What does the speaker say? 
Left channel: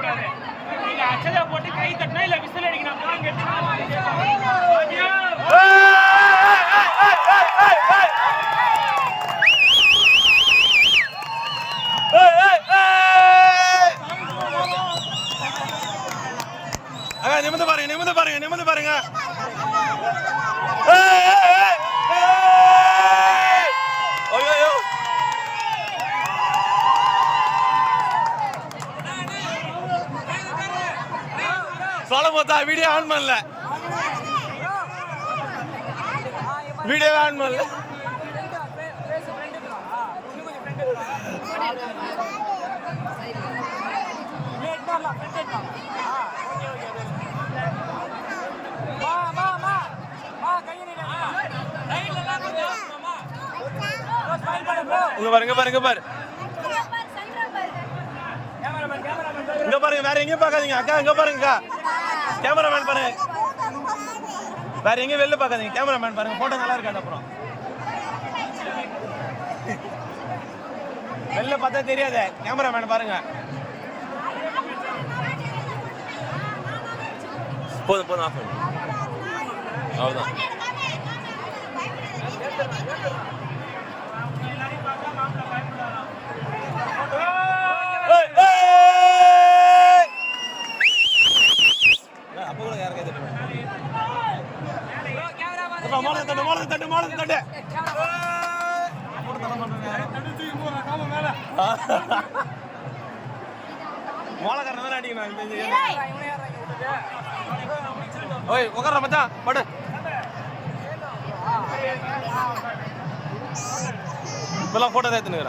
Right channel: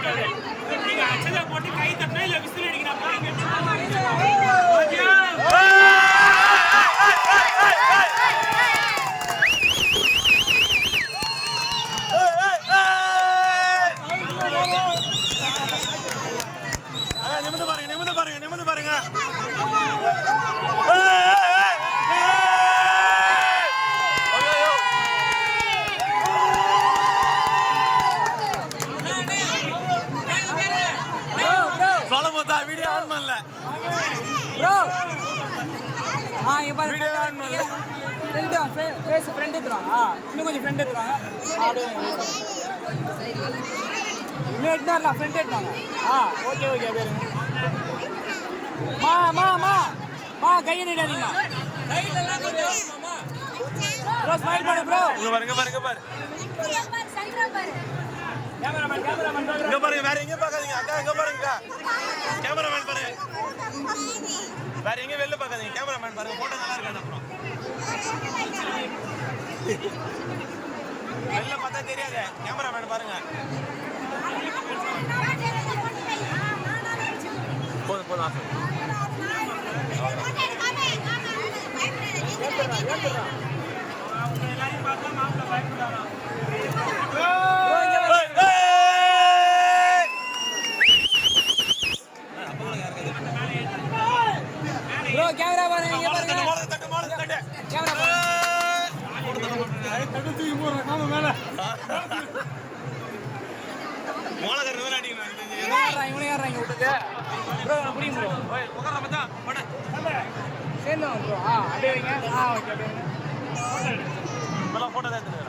கூடாது. நீங்க அச்சதா போட்டு கை தட்டினா இல்ல விசில் அடிக்கணும். நிமிந்து பாருங்க, நிமிந்து பாருங்க, நிமிந்து பாருங்க. வீடியோ ஆன் பண்ணல, வீடியோ ஆன் பண்ணல. பாருங்க பாருங்க பாரு, இங்க பாருங்க, வேற எங்க பாக்காதீங்க அக்கா, இங்க பாருங்க கேமராமேன் பாருங்க, வேற எங்க வெளில பாக்காதீங்க, கேமராமேன் பாருங்க, போட்டோ நல்லா இருக்கு. அப்புறம் வெளில பார்த்தா தெரியாத, கேமராமேன் பாருங்க. போதும் போதும். உட்கார மச்சான் படு. இப்பெல்லாம் போட்டோ தான் எடுத்துன்னு